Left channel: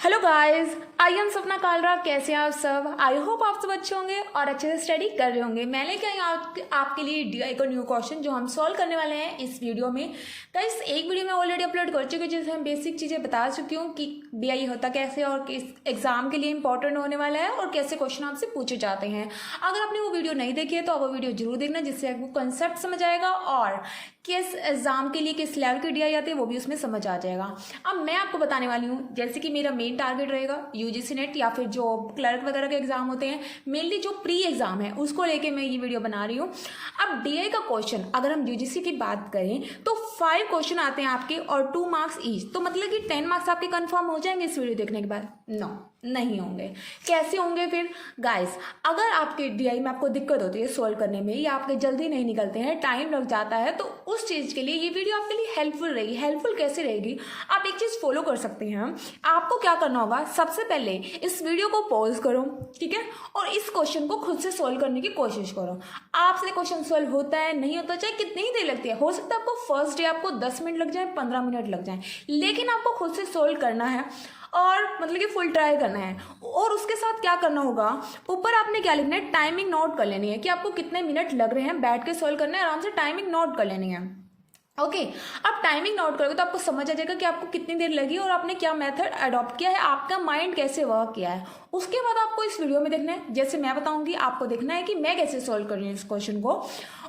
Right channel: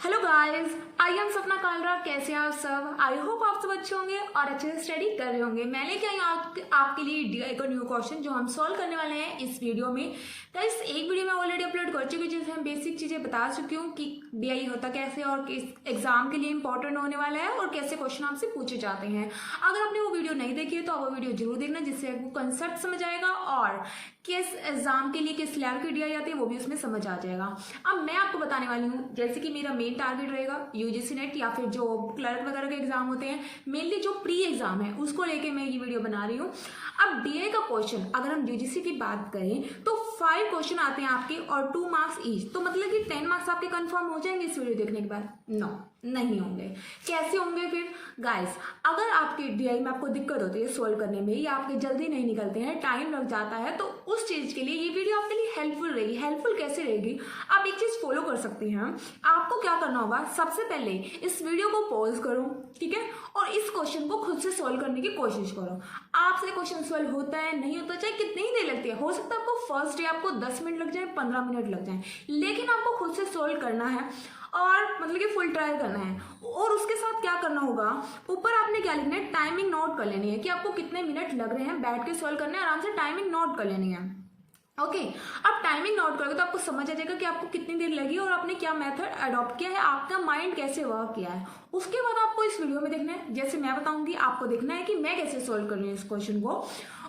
Hello guys, I am सपना कालरा। कैसे हैं आप सब? आई होप आप सब अच्छे होंगे और अच्छे से स्टडी कर रहे होंगे। मैंने क्या आपके लिए डीआई का न्यू क्वेश्चन जो हम सॉल्व करने वाले हैं इस वीडियो में। गाइस, एक वीडियो में ऑलरेडी अपलोड कर चुकी हूँ जिसमें हम बेसिक चीज़ें बता चुकी हूँ कि डीआई होता कैसे और किस एग्जाम के लिए इंपॉर्टेंट होने वाला है और कैसे क्वेश्चन आपसे पूछे जाते हैं। अगर आपने वो वीडियो नहीं देखी है तो आप वो वीडियो जरूर देखना, जिससे आपको कंसेप्ट समझ आएगा और किस एग्जाम के लिए किस लेवल की डीआई आती है वो भी उसमें समझ आ जाएगा। अब मैं आपको बताने वाली हूँ, जैसे कि मेरा मेन टारगेट रहेगा यूजीसी नेट या फिर जो क्लर्क वगैरह के एग्जाम होते हैं, मेनली जो प्री एग्जाम है उसको लेके मैं ये वीडियो बना रही हूँ। अब डीआई का क्वेश्चन अगर हम यूजीसी की बात करें तो 5 क्वेश्चन आते हैं आपके और 2 मार्क्स ईच, तो मतलब कि 10 मार्क्स आपके कंफर्म हो जाएंगे इस वीडियो देखने के बाद? नो, नहीं होंगे। कैसे होंगे फिर? गाइस, अगर आपके डीआई में आपको दिक्कत होती है सोल्व करने में या आपके जल्दी नहीं निकलते हैं, टाइम लग जाता है, तो उस चीज़ के लिए ये वीडियो आपके लिए हेल्पफुल रहेगी। हेल्पफुल कैसे रहेगी? आप एक चीज़ फॉलो कर सकते हैं। आपको क्या करना होगा, सबसे पहले इस वीडियो को पॉज करो, ठीक है, और इस क्वेश्चन को खुद से सोल्व करने की कोशिश करो। आपसे क्वेश्चन सोल्व होता है नहीं होता, चाहे कितनी ही देर लगती है, हो सकता है आपको फर्स्ट डे आपको 10 मिनट लग जाए, 15 मिनट लग जाए, लेकिन आपको खुद से सोल्व करना है और मतलब कि फुल ट्राई करना है। और उसके साथ क्या करना होगा, ऊपर आपने क्या लिखना है, टाइमिंग नोट कर लेनी है कि आपको कितने मिनट लग रहे हैं, बैठ के सोल्व करना है, आराम से टाइमिंग नोट कर लेनी है। ओके, अब टाइमिंग नोट करोगे तो आपको समझ आ जाएगा कि आपको कितनी देर लगी और आपने क्या मेथड अडॉप्ट किया है, आपका माइंड कैसे वर्क किया है। उसके बाद आपको इस वीडियो में देखना है, जैसे मैं बताऊंगी आपको देखना है कि मैं कैसे सोल्व कर रही हूँ इस क्वेश्चन को।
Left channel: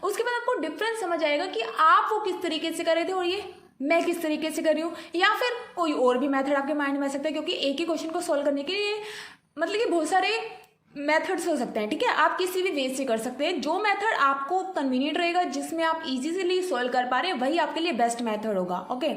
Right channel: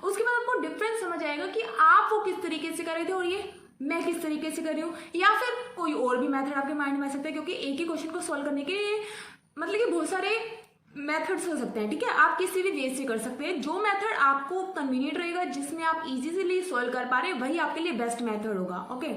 उसके बाद आपको डिफरेंस समझ आएगा कि आप वो किस तरीके से कर रहे थे और ये मैं किस तरीके से कर रही हूँ, या फिर कोई और भी मेथड आपके माइंड में आ सकता है, क्योंकि एक ही क्वेश्चन को सोल्व करने के लिए मतलब कि बहुत सारे मेथड्स हो सकते हैं, ठीक है। आप किसी भी वे से कर सकते हैं, जो मेथड आपको कन्वीनियंट रहेगा, जिसमें आप इजीली सोल्व कर पा रहे हैं, वही आपके लिए बेस्ट मेथड होगा। ओके,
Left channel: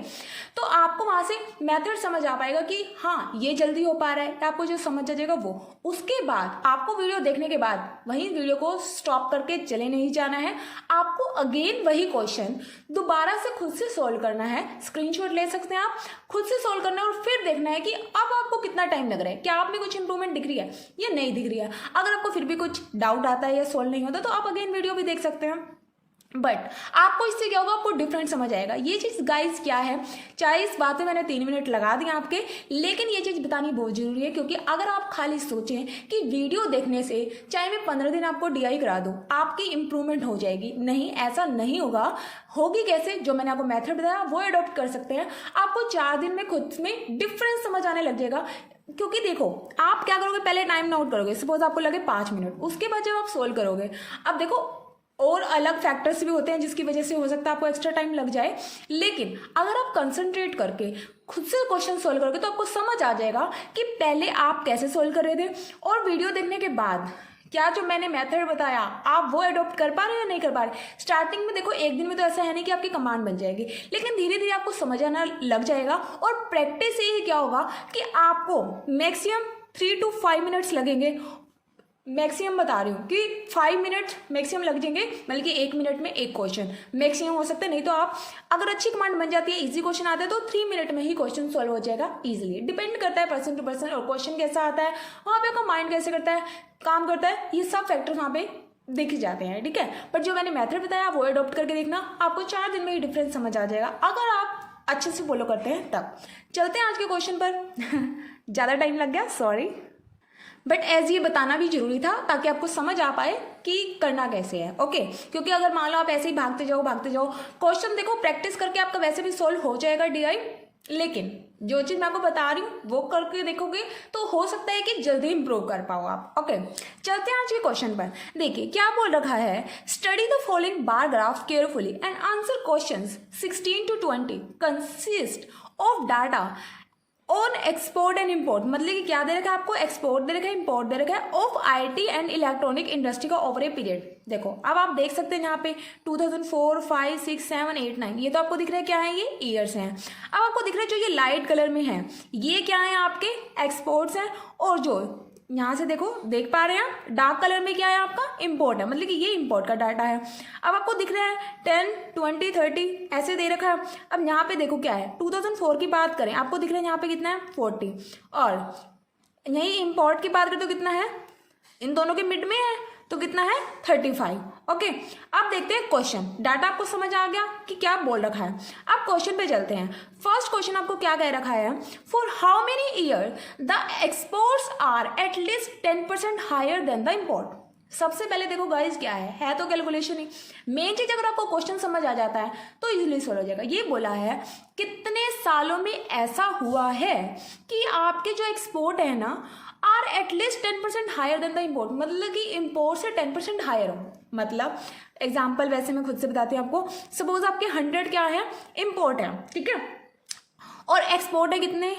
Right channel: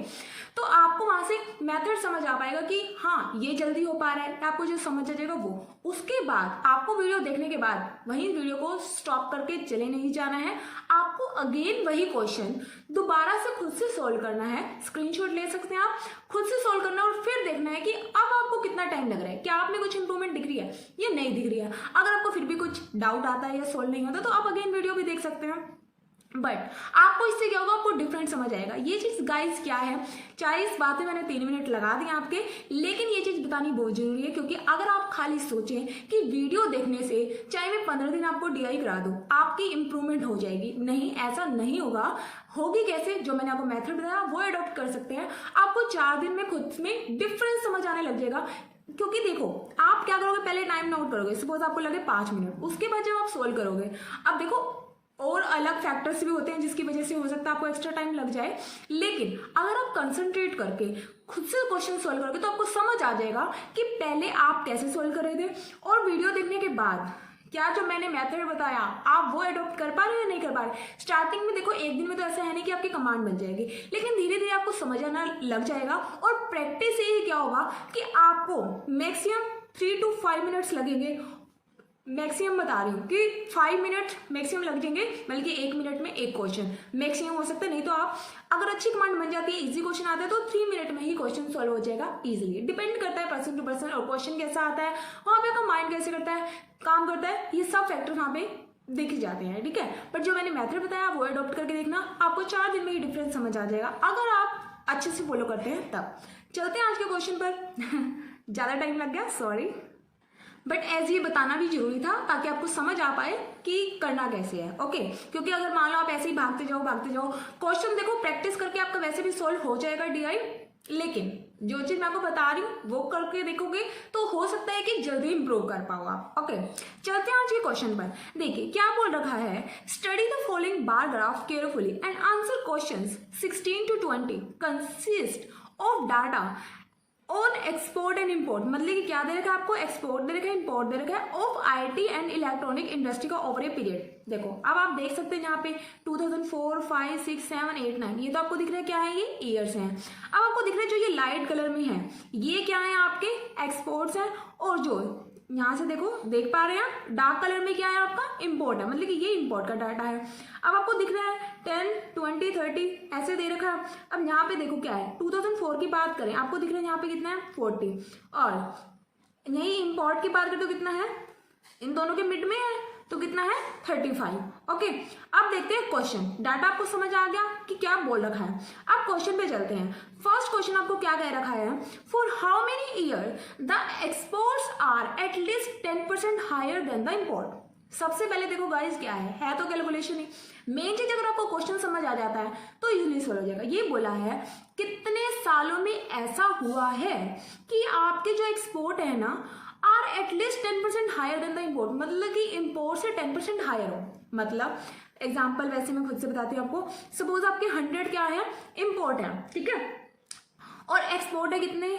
तो आपको वहां से मेथड समझ आ पाएगा कि हाँ ये जल्दी हो पा रहा है, आपको जो समझ आ जाएगा वो। उसके बाद आपको वीडियो देखने के बाद वही वीडियो को स्टॉप करके चले नहीं जाना है, आपको अगेन वही क्वेश्चन दोबारा से खुद से सोल्व करना है। स्क्रीनशॉट ले सकते हैं आप, खुद से सोल्व करना है और फिर देखना है कि अब आपको कितना टाइम लग रहा है, क्या आप में कुछ इंप्रूवमेंट दिख रही है या नहीं दिख रही है। अगर आपको फिर भी कुछ डाउट आता है या सोल्व नहीं होता तो आप अगेन वीडियो भी देख सकते हैं, बट आपको इससे क्या होगा, आपको डिफरेंट समझ आएगा। ये चीज गाइस क्या है, चाहे इस बात में मैंने 3 मिनट लगा दिए आपके, लेकिन ये चीज बतानी बहुत जरूरी है, क्योंकि अगर आप खाली सोचें कि वीडियो देखने से चाहे मैं 15 दिन आपको डीआई करा दूं आपकी इंप्रूवमेंट हो जाएगी, नहीं, ऐसा नहीं होगा। होगी कैसे? जो मैंने आपको मेथड बताया वो अडॉप्ट कर सकते हैं। आपको 4 दिन में खुद में डिफरेंस समझ आने लग जाएगा। क्योंकि देखो, आप क्या करोगे, पहले टाइम नोट करोगे, सपोज आपको लगे 5 मिनट, उसके बाद जब आप सोल्व करोगे, अब देखो और अलग फैक्टर्स भी होते हैं जिसकी वजह से हो सकता है आपको एक्स्ट्रा टाइम लग जाए, लेकिन अगर आप कंसंट्रेट करके खुद से क्वेश्चन सोल्व करोगे तो आपको समझ आ जाएगा कि पहले आप कैसे सोल्व कर रहे थे और वीडियो देखने के बाद क्या जो मैंने मेथड बताया आप वो अडॉप्ट कर पा रहे हैं या नहीं कर पा रहे। स्टार्टिंग में देखो, एक दिन में तो ऐसा है नहीं कि आपकी कमांड बन जाएगी, लेकिन धीरे धीरे आपको समझ आना लग जाएगा। और प्रैक्टिस से ही क्या होगा कि आपको मैक्सिमम 3 to 5 मिनट्स लगेंगे, मैक्सिमम बता रही हूँ कि 5 मिनट मैक्सिमम लग जाएंगे, बल्कि 1 मिनट में एक क्वेश्चन मैक्सिमम हो सकता है। नहीं तो आप अगर अच्छी कमांड बन जाती है, इजी क्वेश्चन आता है, तो 3 मिनट में ही क्वेश्चन सॉल्व हो जाएगा इजीली। डिपेंड करता है पर्सन टू पर्सन, और क्वेश्चन कैसा आता है, वहाँ पे आपका माइंड कैसे करता है, काम करता है, ये सब फैक्टर वहाँ पे देखे जाते हैं, ठीक है। पर जो मैंने मेथड बताया वो अडॉप्ट करके देखना, आपको 4 दिन में ही डिफरेंस समझ आ जाएगा, अगर आप अच्छे से फॉलो करते हैं तब। चलते हैं आज के क्वेश्चन पर। ज़्यादा टाइम लग गया, सॉरी, बट एज ये बताना भी जरूरी था ताकि आपको समझ आ पाए कि करना कैसे है। ओके, क्योंकि अगर मान लो आप ऐसे ही भागते जाओ क्वेश्चन, देखो प्रैक्टिस करके आपका वैसे भी सोल्व हो जाएगा डीआई, लेकिन जो चीज मैं आपको बता रही हूँ वो करके देखोगे तो हो सकता है कि जल्दी इंप्रूव कर पाओ आप। ओके, चलते हैं आज के क्वेश्चन पर। देखिए क्या बोल रखा है, study the following bar graph carefully and answer questions 16 to 20 consist of data on export and import. मतलब कि क्या दे रखा है आपको, एक्सपोर्ट दे रखा है, इम्पोर्ट दे रखा है, of IT and electronic industry का ओवर ए पीरियड। देखो अब आप देख सकते हैं यहाँ पे 2004, 5, 6, 7, 8, 9, ये तो आपको दिख रहा है क्या है, ये ईयर्स हैं। अब आपको दिख रहा है जो ये लाइट कलर में है ये क्या है, आपके एक्सपोर्ट्स हैं, और जो यहाँ से देखो देख पा रहे हैं आप डार्क कलर में क्या है, आपका इम्पोर्ट है, मतलब कि ये इम्पोर्ट का डाटा है। अब आपको दिख रहा है 10, 20, 30 ऐसे दे रखा है। अब यहाँ पे देखो क्या है, 2004 की बात करें आपको दिख रहा है यहाँ पे कितना है 40, और यही इम्पोर्ट की बात करें तो कितना है, इन दोनों के मिड में है तो कितना है 35। ओके, अब देखते हैं क्वेश्चन। डाटा आपको समझ आ गया कि क्या बोल रखा है। अब क्वेश्चन पे चलते हैं। फर्स्ट क्वेश्चन आपको क्या कह रखा है, for how many year the exports are at least 10% higher than the import. सबसे पहले देखो गाइस क्या है तो कैलकुलेशन ही मेन चीज। अगर आपको क्वेश्चन समझ आ जाता है तो इजीली सॉल्व हो जाएगा। ये बोला है कितने सालों में ऐसा हुआ है कि आपके जो एक्सपोर्ट है ना are at least 10% higher than the import, मतलब कि इम्पोर्ट से 10% हायर हो। मतलब एग्जाम्पल वैसे मैं खुद से बताती हूँ आपको। सपोज आपके 100 क्या है इम्पोर्ट है, ठीक है, और एक्सपोर्ट है कितने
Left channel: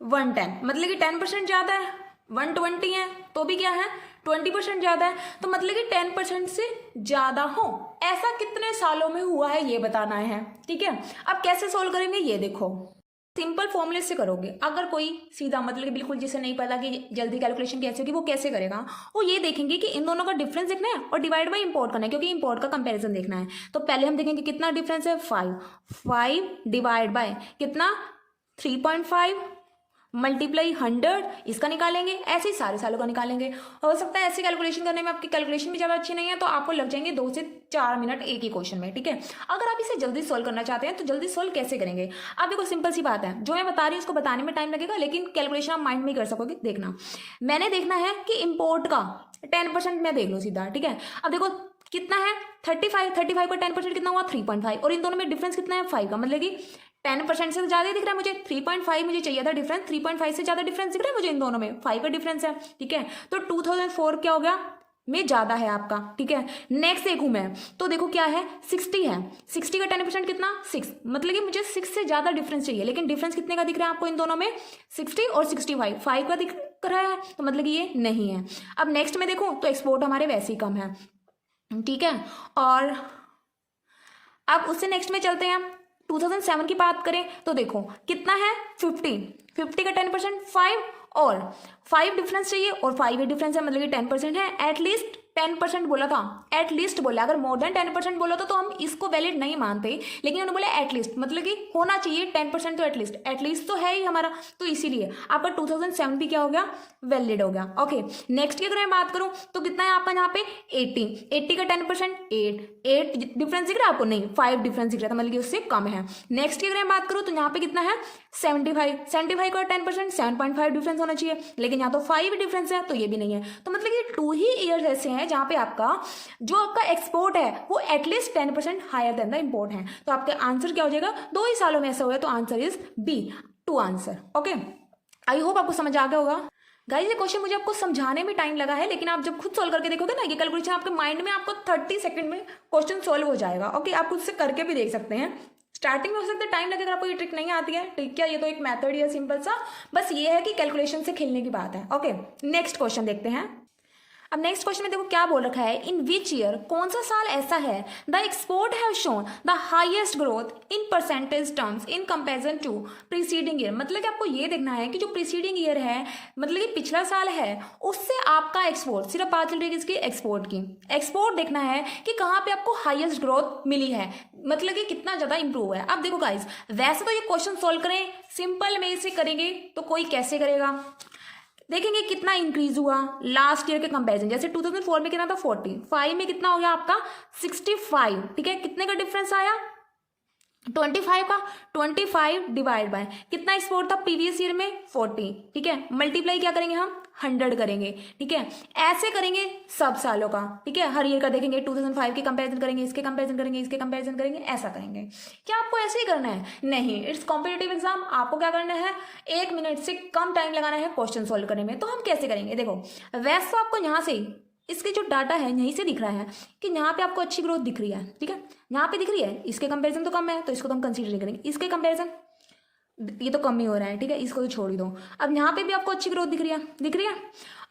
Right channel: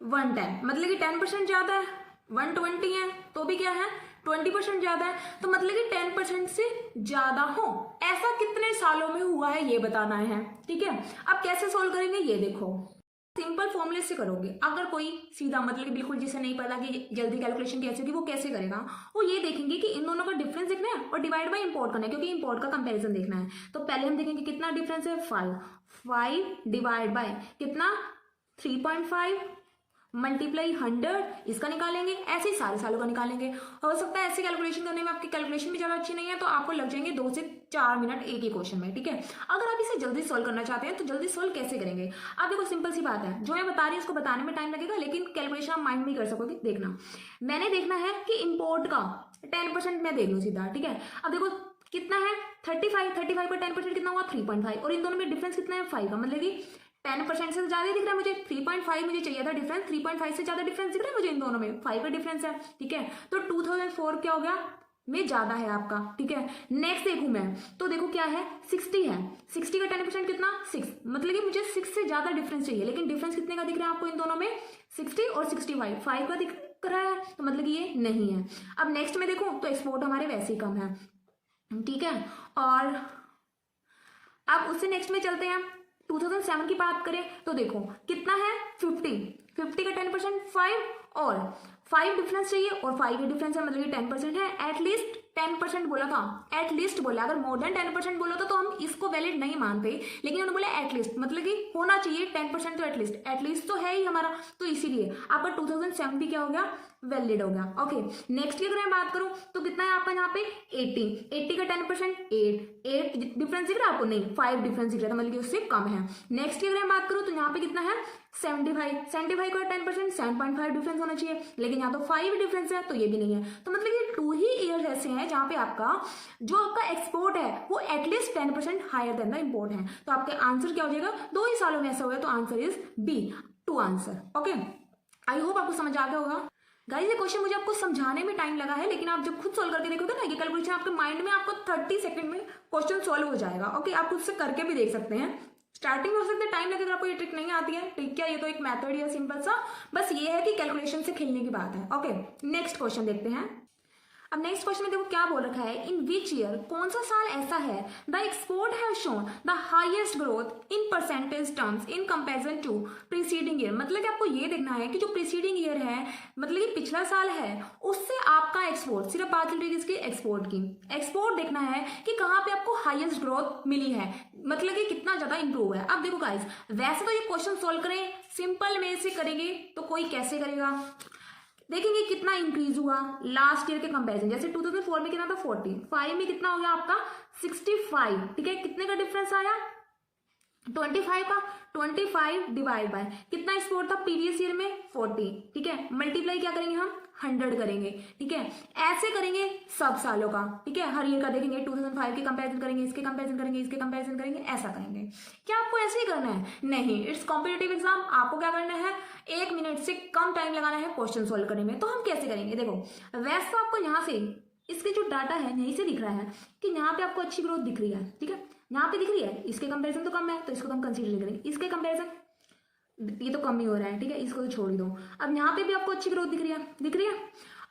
110, मतलब कि 10% ज्यादा है। 120 है तो भी क्या है 20% ज्यादा है, तो मतलब कि 10% से ज्यादा हो। ऐसा कितने सालों में हुआ है ये बताना है, ठीक है। अब कैसे सोल्व करेंगे ये देखो, सिंपल फॉर्मूले से करोगे। अगर कोई सीधा मतलब कि बिल्कुल जिसे नहीं पता कि जल्दी कैलकुलेशन कैसे होगी वो कैसे करेगा, वो ये देखेंगे कि इन दोनों का डिफरेंस देखना है और डिवाइड बाय इंपोर्ट करना है, क्योंकि इंपोर्ट का कंपैरिजन देखना है। तो पहले हम देखेंगे कितना डिफरेंस है 5 डिवाइड बाय कितना 3.5 मल्टीप्लाई 100, इसका निकालेंगे। ऐसे ही सारे सालों का निकालेंगे। हो सकता है ऐसे कैलकुलेशन करने में आपकी कैलकुलेशन भी ज़्यादा अच्छी नहीं है तो आपको लग जाएंगे 2 से 4 मिनट एक ही क्वेश्चन में, ठीक है। अगर आप इसे जल्दी सॉल्व करना चाहते हैं तो जल्दी सॉल्व कैसे करेंगे। अब देखो सिंपल सी बात है, जो मैं बता रही हूँ उसको बताने में टाइम लगेगा, लेकिन कैलकुलेशन आप माइंड में ही कर सकोगे। देखना, मैंने देखना है कि इम्पोर्ट का 10% मैं देख लूँ सीधा, ठीक है। अब देखो कितना है 35 का 10% कितना हुआ 3.5, और इन दोनों में डिफरेंस कितना है 5 का, मतलब कि 10% से ज्यादा दिख रहा है मुझे। 3.5 मुझे चाहिए था डिफरेंस, 3.5 से ज्यादा डिफरेंस दिख रहा है मुझे इन दोनों में, 5 का डिफरेंस है, ठीक है। तो 2004 क्या हो गया में ज्यादा है आपका, ठीक है। नेक्स्ट देखूं मैं तो देखो क्या है 60 है, 60 का 10% कितना 6, मतलब कि मुझे 6 से ज्यादा डिफरेंस चाहिए, लेकिन डिफरेंस कितने का दिख रहा है आपको इन दोनों में 60 और 65, 5 का दिख रहा है, तो मतलब कि ये नहीं है। अब नेक्स्ट में देखो तो एक्सपोर्ट हमारे वैसे ही कम है, ठीक है। और अब उससे नेक्स्ट में चलते हैं। 2007 की बात करें तो देखो कितना है 50 का 10% 5 और 5 डिफरेंस चाहिए, और 5 ही डिफरेंस है, मतलब कि 10% है। एटलीस्ट 10% बोला था, एटलीस्ट बोला। अगर मोर देन 10% बोला तो हम इसको वैलिड नहीं मानते, लेकिन उन्होंने बोला एटलीस्ट, मतलब कि होना चाहिए 10%, तो एटलीस्ट तो है ही हमारा, तो इसीलिए आपका 2007 भी क्या हो गया वैलिड हो गया। ओके, नेक्स्ट की अगर मैं बात करूं तो कितना है आपका यहाँ पे 80 का 10% 8 डिफरेंस दिख रहा है आपको, नहीं 5 डिफरेंस दिख रहा था, मतलब कि उससे कम है। नेक्स्ट की अगर मैं बात करूं तो यहाँ पे कितना है 75 का 10% 7.5 डिफरेंस होना चाहिए, लेकिन यहाँ तो 5 डिफरेंस है, तो ये भी नहीं है। तो मतलब कि 2 ही ईयर्स ऐसे हैं जहां पे आपका जो आपका एक्सपोर्ट है वो at least 10% higher than the import है। तो आपका आंसर क्या हो जाएगा, 2 ही सालों में ऐसा हुआ है, तो answer is B, 2 answer. Okay, I hope आपको समझ आ गया होगा। गाइस ये क्वेश्चन मुझे आपको समझाने में टाइम लगा है, लेकिन आप जब खुद सॉल्व करके देखोगे ना ये कैलकुलेशन आपके माइंड में आपको 30 सेकंड में क्वेश्चन सॉल्व हो जाएगा। ओके, आप खुद से करके भी देख सकते हैं। स्टार्टिंग में हो सकता है टाइम लगे, अगर आपको ये ट्रिक नहीं आती है, ठीक है, ये तो एक मेथड ही है सिंपल सा, बस ये है कि कैलकुलेशन से खेलने की बात है। ओके, नेक्स्ट क्वेश्चन देखते हैं। अब नेक्स्ट क्वेश्चन में देखो क्या बोल रखा है, इन विच ईयर, कौन सा साल ऐसा है the export have shown the highest growth in percentage terms in comparison to preceding year. मतलब कि आपको ये देखना है कि जो प्रीसीडिंग ईयर है, मतलब कि पिछला साल है, उससे आपका एक्सपोर्ट, सिर्फ बात चल रही है इसकी एक्सपोर्ट की, एक्सपोर्ट देखना है कि कहाँ पे आपको हाईएस्ट ग्रोथ मिली है, मतलब कि कितना ज्यादा इंप्रूव है। अब देखो गाइस, वैसे तो ये क्वेश्चन सोल्व करें सिंपल में से करेंगे तो कोई कैसे करेगा, देखेंगे कितना इंक्रीज हुआ लास्ट ईयर के कंपैरिजन। जैसे 2004 में कितना था 40, 5 में कितना हो गया आपका 65, ठीक है। कितने का डिफरेंस आया 25 का, 25 डिवाइड बाय कितना एक्सपोर्ट था प्रीवियस ईयर में 40, ठीक है। मल्टीप्लाई क्या करेंगे हम 100 करेंगे, ठीक है। ऐसे करेंगे सब सालों का, ठीक है, हर ईयर का देखेंगे, 2005 के कंपैरिजन करेंगे, इसके कंपैरिजन करेंगे, इसके कंपैरिजन करेंगे, ऐसा करेंगे। क्या आपको ऐसे ही करना है? नहीं, इट्स कॉम्पिटिटिव एग्जाम, आपको क्या करना है 1 मिनट से कम टाइम लगाना है क्वेश्चन सोल्व करने में। तो हम कैसे करेंगे, देखो वैसे तो आपको यहाँ से इसके जो डाटा है यहीं से दिख रहा है कि यहाँ पे आपको अच्छी ग्रोथ दिख रही है, ठीक है, यहाँ पे दिख रही है, इसके कंपैरिजन तो कम है तो इसको तो हम कंसीडर नहीं करेंगे, इसके कंपैरिजन ये तो कम ही हो रहा है, ठीक है, इसको तो छोड़ ही दो। अब यहाँ पे भी आपको अच्छी ग्रोथ दिख रही है,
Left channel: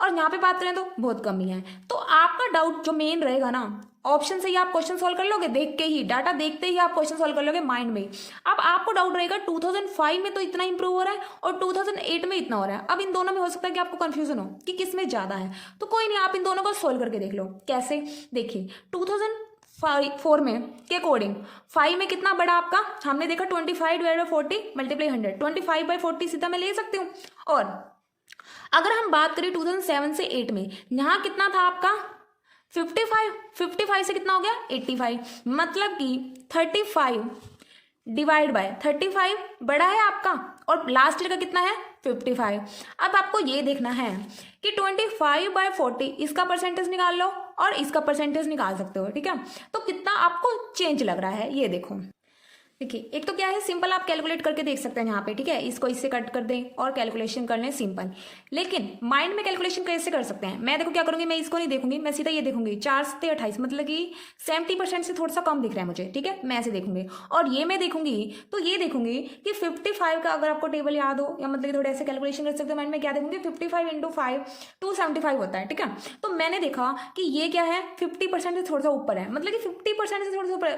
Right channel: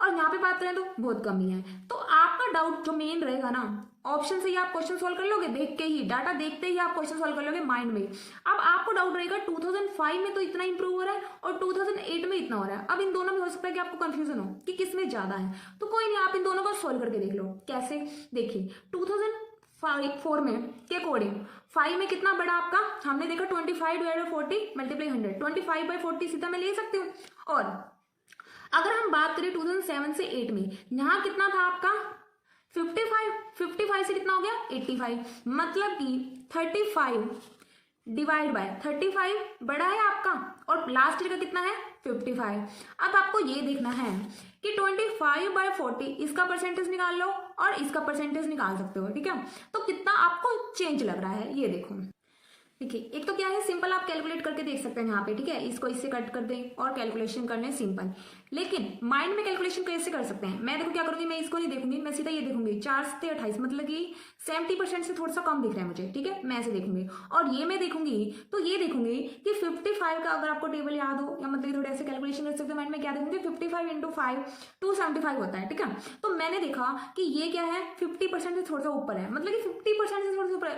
और यहाँ पे बात करें तो बहुत कम ही है। तो आपका डाउट जो मेन रहेगा ना, ऑप्शन से ही आप क्वेश्चन सॉल्व कर लोगे, देख के ही डाटा देखते ही आप क्वेश्चन सॉल्व कर लोगे माइंड में। अब आपको डाउट रहेगा 2005 में तो इतना इंप्रूव हो रहा है और 2008 में इतना हो रहा है। अब इन दोनों में हो सकता है कि आपको कंफ्यूजन हो कि किसमें ज्यादा है, तो कोई नहीं, आप इन दोनों को सोल्व करके देख लो। कैसे, देखिए 2004 में के अकॉर्डिंग 5 में कितना बड़ा आपका, हमने देखा 25 डिवाइड बाय 40 मल्टीप्लाई 100, 25 बाय 40 सीधा मैं ले सकती हूँ, और अगर हम बात करें 2007 से 8 में, यहाँ कितना था आपका 55, 55 से कितना हो गया 85, मतलब कि 35 डिवाइड बाय 35 बड़ा है आपका, और लास्ट ईयर का कितना है 55। अब आपको ये देखना है कि 25/40 इसका परसेंटेज निकाल लो और इसका परसेंटेज निकाल सकते हो, ठीक है। तो कितना आपको चेंज लग रहा है ये देखो। देखिए एक तो क्या है, सिंपल आप कैलकुलेट करके देख सकते हैं यहाँ पे, ठीक है। इसको इससे कट कर दें और कैलकुलेशन कर लें सिंपल। लेकिन माइंड में कैलकुलेशन कैसे कर सकते हैं, मैं देखो क्या करूंगी, मैं इसको नहीं देखूंगी, मैं सीधा ये देखूंगी 4 से 28, मतलब कि 70% से थोड़ा सा कम दिख रहा है मुझे, ठीक है। मैं ऐसे देखूंगी और ये मैं देखूंगी तो ये देखूंगी कि 55 का अगर आपको टेबल याद हो, या मतलब थोड़े ऐसे कैलकुलेशन कर सकते हो माइंड में, क्या देखूंगी 55 × 5 275 होता है, ठीक है। तो मैंने देखा कि ये क्या है 50% से थोड़ा सा ऊपर है, मतलब कि 50% से थोड़ा सा ऊपर,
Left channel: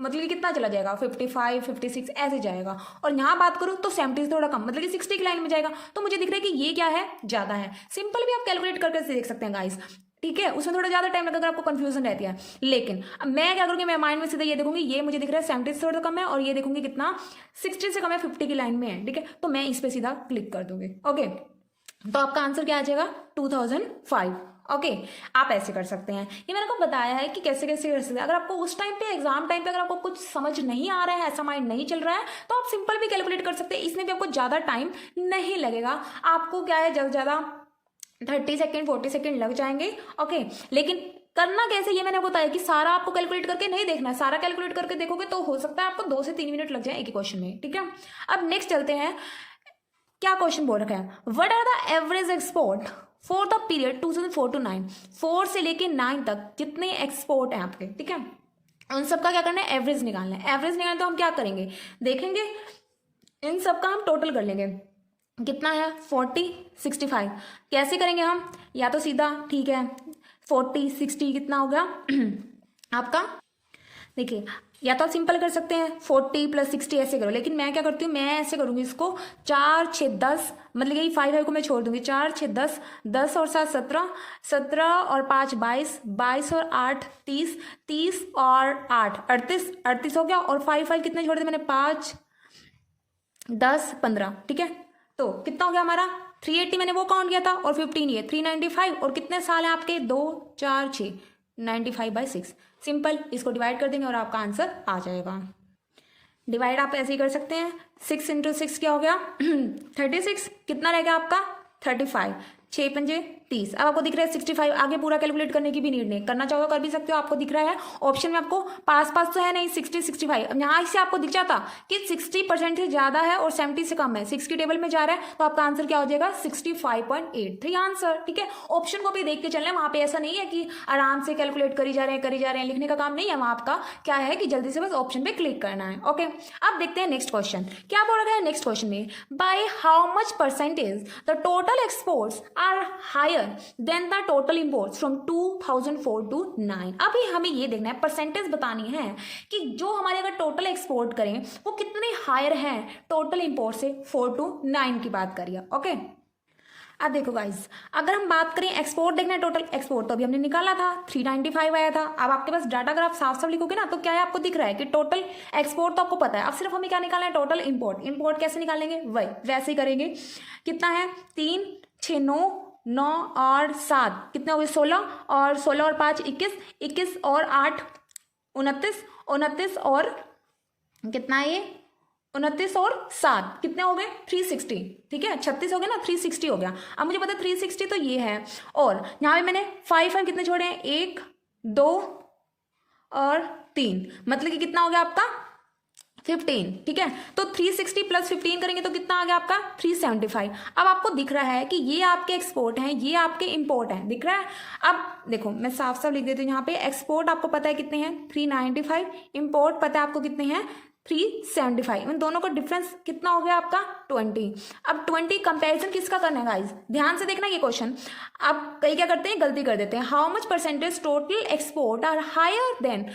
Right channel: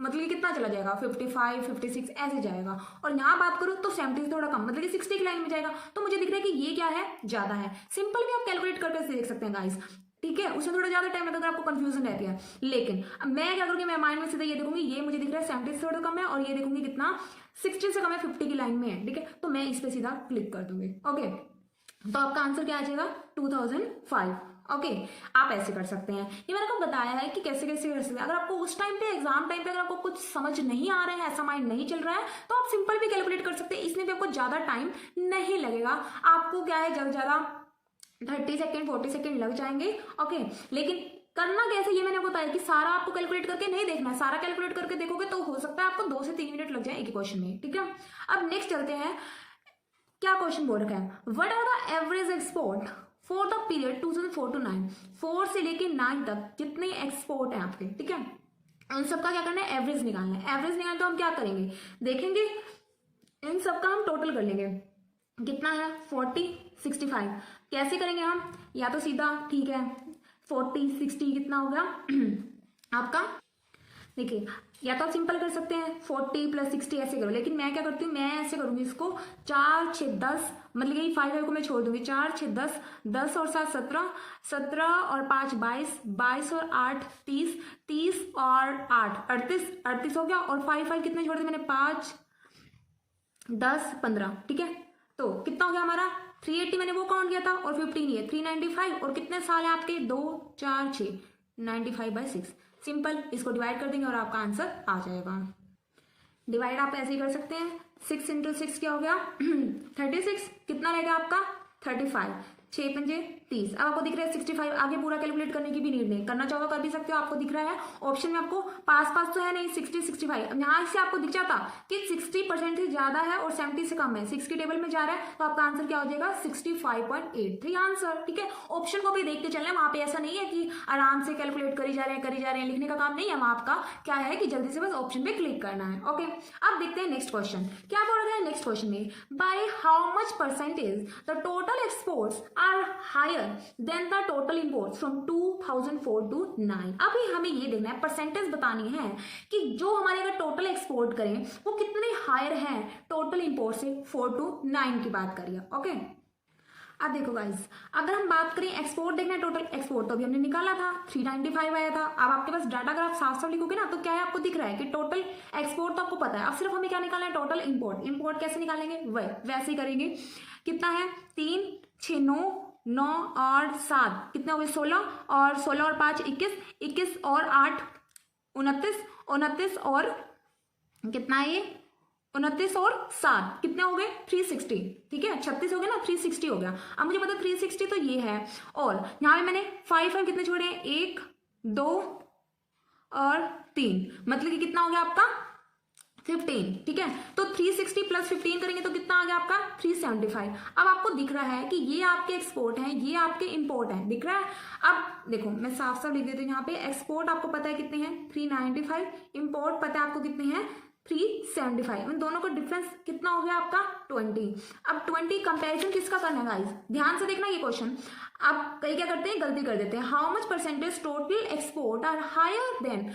मतलब कि कितना चला जाएगा 55 56 ऐसे जाएगा। और यहाँ बात करूँ तो 70 से थोड़ा कम, मतलब कि 60 की लाइन में जाएगा। तो मुझे दिख रहा है कि ये क्या है ज्यादा है। सिंपल भी आप कैलकुलेट करके देख सकते हैं गाइस, ठीक है। उसमें थोड़ा ज्यादा टाइम लगेगा अगर आपको कंफ्यूजन रहती है। लेकिन अब मैं क्या करूँगी, मैं माइंड में सीधा ये देखूंगी, ये मुझे दिख रहा है 70 से थोड़ा कम है, और ये देखूंगी कितना 60 से कम है, 50 की लाइन में है, ठीक है। तो मैं इस पर सीधा क्लिक कर दूंगी। ओके, तो आपका आंसर क्या आ जाएगा 2005। ओके, आप ऐसे कर सकते हैं। ये मैंने आपको बताया है कि कैसे कैसे कर सकते हैं। अगर आपको उस टाइम पे एग्जाम टाइम पे अगर आपको कुछ समझ नहीं आ रहा है, ऐसा माइंड नहीं चल रहा है, तो आप सिंपल भी कैलकुलेट कर सकते हैं। इसमें भी आपको ज्यादा टाइम नहीं लगेगा। आपको क्या है ज्यादा 30 सेकेंड 40 सेकेंड लग जाएंगे। ओके, लेकिन करना कैसे ये मैंने बताया कि सारा आपको कैलकुलेट करके नहीं देखना है। सारा कैलकुलेट करके देखोगे तो हो सकता है आपको 2 से 3 मिनट लग जाए एक ही क्वेश्चन में, ठीक है। अब नेक्स्ट चलते हैं, क्या क्वेश्चन बोल रखा है, what are the average export for the period 2004 to 9, 4 से लेके 9 तक जितने एक्सपोर्ट हैं आपके, ठीक है, उन सबका क्या करना है एवरेज निकालना है। एवरेज निकालना तो हम क्या करेंगे, देखेंगे इन सबका हम टोटल कर लेंगे, कितना है 40 65। कैसे करेंगे हम, या तो सीधा ठीक है 40 60 कितना हो गया आपका, देखिए या तो आप सिंपल कर सकते हैं 40 + 60 ऐसे करो, लेकिन मैं क्या करती हूँ, मैं ऐसे करूँगी इसको 4 6 10, मतलब यही 5 को मैं छोड़ दूंगी, 4 6 10, 10 और 7 17, 17 और 5 22, 22 और 8 30, 30 और 8 38, 38 हो गया, और 5 कितने छोड़ दिए मैंने 5 10 15, ठीक है। तो कितना हो गया हमारा 380, मैंने वो काउंट किया था, और 15 ये 395, और कितने साल हैं आपके 2 4 6 95/6। सिंपल, इसको डिवाइड कर देंगे और आपका आंसर आ जाएगा। डिवाइड आप ऐसे ही कर सकते हैं, 6 × 6 क्या हो गया 36, कितना रहेगा आपका 35, 6 पंजे 30। अब आपको दिख रहा है 65, आगे पूरा कैलकुलेट करने की भी नीड नहीं, करना चाहो कर भी सकते हो। आपको दिख रहा है ऑप्शन में, आपको पास तो है नहीं 60 65। अब यहाँ से आपको दिख जाता कि 60% से ज्यादा है और 70 से कम है, 6 की टेबल में जा रहा है, तो आपका आंसर क्या हो जाएगा 65.83 आंसर, ठीक है। ऑप्शन को भी देख के चलना है, वहां पे ऐसा नहीं है कि आराम से कैलकुलेट करी जा रहे हैं, लिखने का काम नहीं है वहां। आपका क्या है कि जल्दी से बस ऑप्शन पे क्लिक करना है। ओके, अब देखते हैं नेक्स्ट क्वेश्चन क्या बोल रहा है। नेक्स्ट क्वेश्चन में, by how much percentage the total exports are higher than the total imports from 2004 to 9। अभी हमें ये देखना है, परसेंटेज बतानी है कि जो हमारे अगर टोटल एक्सपोर्ट करें वो कितने हायर हैं टोटल इंपोर्ट से 4 to 9 की बात करिए। ओके, अब देखो गाइस, अगर हम बात करें एक्सपोर्ट देखना है, टोटल एक्सपोर्ट तो अभी हमने निकाला था 395 आया था। अब आपके पास डाटा अगर आप साफ साफ लिखोगे ना, तो क्या है आपको दिख रहा है कि टोटल एक्सपोर्ट तो आपको पता है। अब सिर्फ हमें क्या निकालना है, टोटल इंपोर्ट। इंपोर्ट कैसे निकालेंगे, वही वैसे ही करेंगे। कितना है 3 6 9 9 और 7 कितने हो गए 16, और 16 और 5 21, 21 और 8 29, 29 और कितना है ये 29 और 7 कितने हो गए 360, ठीक है। 36 हो गया ना, 360 हो गया। अब मुझे पता है 360 तो ये है, और यहाँ पे मैंने 5 कितने छोड़े हैं 1 2 और 3, मतलब कि कितना हो गया आपका 15, ठीक है। तो 360 + 15 करेंगे तो कितना आ गया आपका 375। अब आपको दिख रहा है कि ये आपके एक्सपोर्ट हैं, ये आपके इंपोर्ट हैं, दिख रहा है। अब देखो मैं साफ साफ लिख देती हूँ यहाँ पे, एक्सपोर्ट आपको पता है कितने हैं 395, इंपोर्ट पता है आपको कितने हैं 375। इन दोनों का डिफरेंस कितना हो गया आपका 20। अब 20 कंपैरिजन किसका करना है गाइस, ध्यान से देखना ये क्वेश्चन। अब कई क्या करते हैं, गलती कर देते हैं, how much percentage total export are higher than,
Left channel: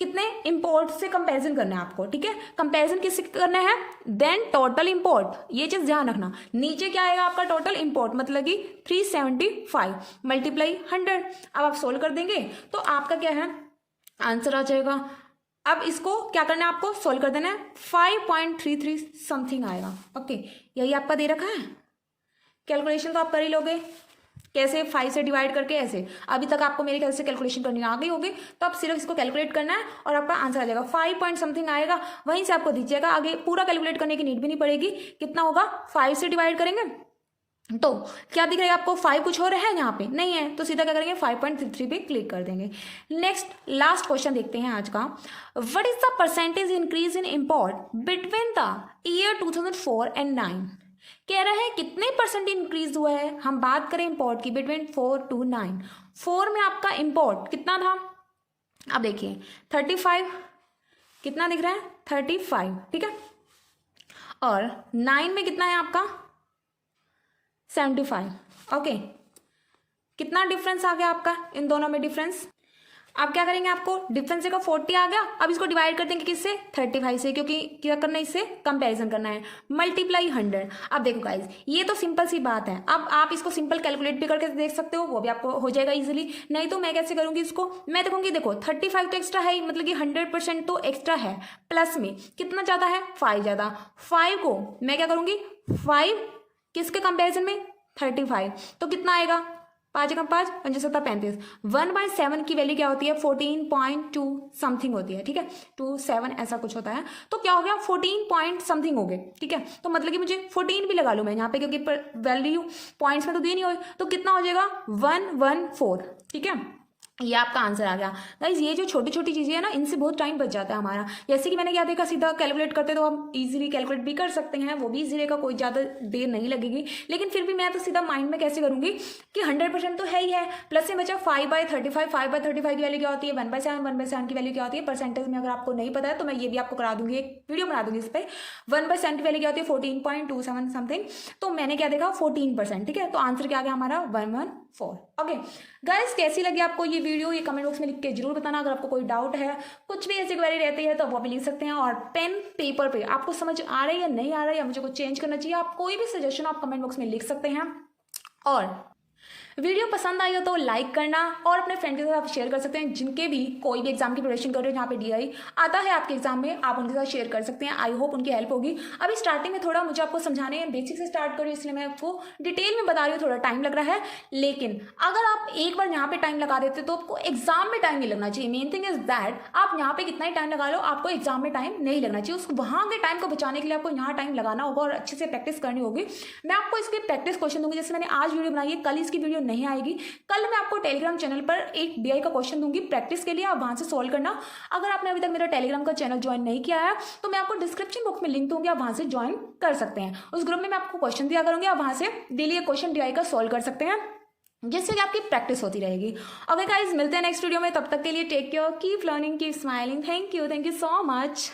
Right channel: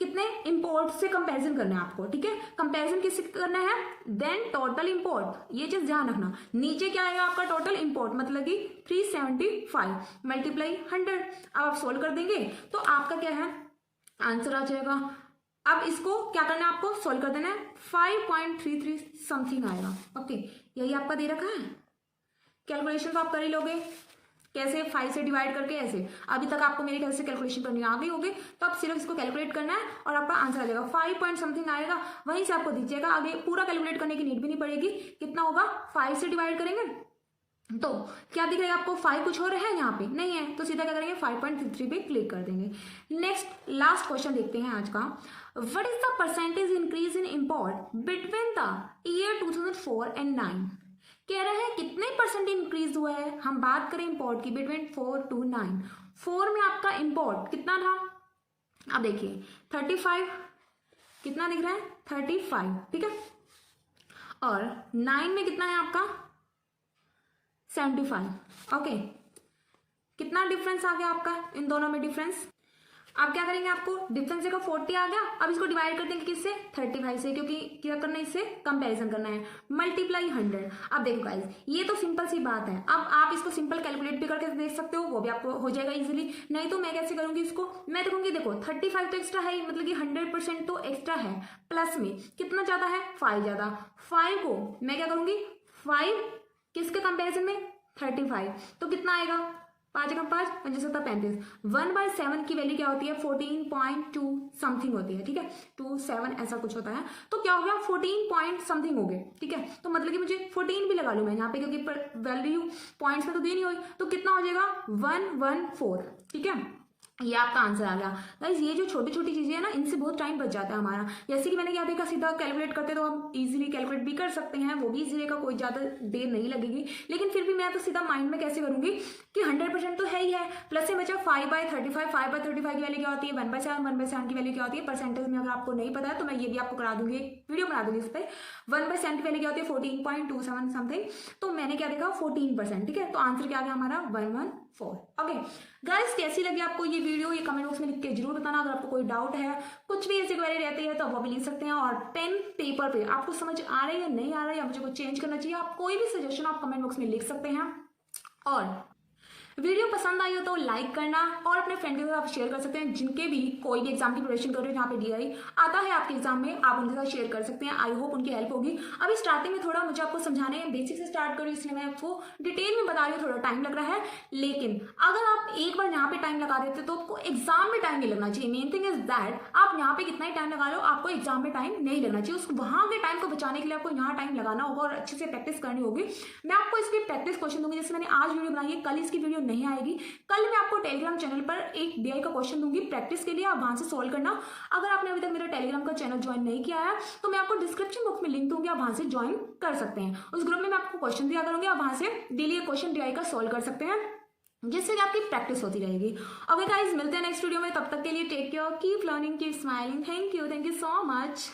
कितने इंपोर्ट से कंपैरिजन करना है आपको, ठीक है। कंपैरिजन किससे करना है, देन टोटल इंपोर्ट, ये चीज ध्यान रखना। नीचे क्या आएगा आपका टोटल इंपोर्ट, मतलब कि 375 मल्टीप्लाई 100। अब आप सोल्व कर देंगे तो आपका क्या है आंसर आ जाएगा। अब इसको क्या करना है, आपको सोल्व कर देना है, 5.33 समथिंग आएगा। ओके, यही आपका दे रखा है, कैलकुलेशन तो आप कर ही लोगे, कैसे 5 से डिवाइड करके, ऐसे अभी तक आपको मेरे ख्याल से कैलकुलेशन करनी आ गई होगी। तो आप सिर्फ इसको कैलकुलेट करना है और आपका आंसर आ जाएगा 5 पॉइंट समथिंग आएगा, वहीं से आपको दीजिएगा। आगे पूरा कैलकुलेट करने की नीड भी नहीं पड़ेगी। कितना होगा, 5 से डिवाइड करेंगे तो क्या दिख रहा है आपको, 5 कुछ और है यहाँ पे नहीं है, तो सीधा क्या करेंगे 5.33 पे क्लिक कर देंगे। नेक्स्ट लास्ट क्वेश्चन देखते हैं आज का। What is the percentage increase in import between the year 2004 and 9? कह रहे हैं कितने परसेंट इंक्रीज हुआ है। हम बात करें इम्पोर्ट की बिटवीन 4 to 9। 4 में आपका इम्पोर्ट कितना था, अब देखिए 35, कितना दिख रहा है 35, ठीक है। और 9 में कितना है आपका 75, ओके। कितना डिफरेंस आ गया आपका इन दोनों में डिफरेंस। अब क्या करेंगे, आपको डिफरेंस देखो 40 आ गया। अब इसको डिवाइड कर देंगे किससे, 35 से, क्योंकि क्या करना है इससे कंपैरिजन करना है, मल्टीप्लाई 100। अब देखो गाइज ये तो सिंपल सी बात है। अब आप इसको सिंपल कैलकुलेट भी करके देख सकते हो, वो भी आपको हो जाएगा इजीली। नहीं तो मैं कैसे करूंगी इसको, मैं देखूंगी देखो 35 तो एक्स्ट्रा है ही, मतलब कि 100% तो एक्स्ट्रा है। प्लस में कितना ज्यादा है, 5 ज्यादा। 5 को मैं क्या करूंगी, 5 किसके कंपेरिजन में 35, तो कितना आएगा 5 कम 5 75 35। 1/7 की वैल्यू क्या होती है 14.2 समथिंग होती है, ठीक है 27 ऐसा कुछ होता है। तो क्या हो गया 14 पॉइंट समथिंग हो गए, ठीक है। तो मतलब कि मुझे 14 भी लगा लूँ मैं यहाँ पे, क्योंकि वैल्यू पॉइंट्स में तो दी नहीं हुई, तो कितना हो जाएगा 114, ठीक है। ये आपका आंसर आ गया गाइज। ये जो छोटी छोटी चीजें है ना, इनसे बहुत टाइम बच जाता है हमारा। जैसे कि मैंने क्या देखा, सीधा कैलकुलेट करते तो हम इजीली कैलकुलेट भी कर सकते हैं, वो भी इजीली का, कोई ज़्यादा देर नहीं लगेगी। लेकिन फिर भी मैं तो सीधा माइंड में कैसे करूंगी कि 100% तो है ही है। प्लस से बचा 5/35। 5/35 की वैल्यू क्या होती है 1/7। 1/7 की वैल्यू क्या होती है परसेंटेज में, अगर आपको नहीं पता है तो मैं ये भी आपको करा दूंगी, एक वीडियो बना दूंगी इस पर। 1/7 की वैल्यू क्या होती है 14.27 समथिंग। तो मैंने क्या देखा 14%, ठीक है। तो आंसर क्या आ गया हमारा 114, ओके। गाइस कैसी लगी आपको ये वीडियो, ये कमेंट बॉक्स में लिख के जरूर बताना। अगर आपको कोई डाउट है, कुछ भी ऐसी क्वेरी रहती है तो वो भी लिख सकते हैं। और पेन पेपर पे आपको समझ आ रही है या नहीं आ रहा है, या मुझे कुछ चेंज करना चाहिए, आप कोई भी सजेशन आप कमेंट बॉक्स में लिख सकते हैं। और वीडियो पसंद आई हो तो लाइक करना, और अपने फ्रेंड के साथ आप शेयर कर सकते हैं, जिनके भी कोई भी एग्जाम की प्रिपरेशन कर रहे हो, जहाँ पे डीआई आता है आपके एग्जाम में, आप उनके साथ शेयर कर सकते हैं। आई होप उनकी हेल्प होगी। अभी स्टार्टिंग में थोड़ा मुझे आपको समझाने बेसिक से स्टार्ट करूँ, इसलिए मैं आपको डिटेल में बता रही हूँ, थोड़ा टाइम लग रहा है। लेकिन अगर आप एक बार यहाँ पे टाइम लगा देते तो आपको एग्जाम में टाइम नहीं लगना चाहिए। मेन थिंग इज दैट आप यहाँ पे कितना ही टाइम लगा लो, आपको एग्जाम में टाइम नहीं लगना चाहिए। उस वहाँ के टाइम को बचाने के लिए आपको यहाँ टाइम लगाना होगा और अच्छे से प्रैक्टिस करनी होगी। मैं आपको इसकी प्रैक्टिस क्वेश्चन दूंगी, जैसे मैंने आज वीडियो बनाई है, कल इसकी वीडियो नहीं आएगी। कल मैं आपको टेलीग्राम चैनल पर एक डीआई का क्वेश्चन दूंगी प्रैक्टिस के लिए, आप वहां से सॉल्व करना। अगर आपने अभी तक मेरा टेलीग्राम का चैनल ज्वाइन नहीं किया है तो मैं आपको डिस्क्रिप्शन बॉक्स में लिंक दूंगी, आप वहां से ज्वाइन कर सकते हैं। उस ग्रुप में मैं आपको क्वेश्चन दिया करूंगी, आप वहां से डेली एक क्वेश्चन डीआई का सॉल्व कर सकते हैं, जिससे कि आपकी प्रैक्टिस होती रहेगी। ओके गाइस, मिलते हैं नेक्स्ट वीडियो में, तब तक के लिए take care, keep learning, keep smiling. Thank you so much.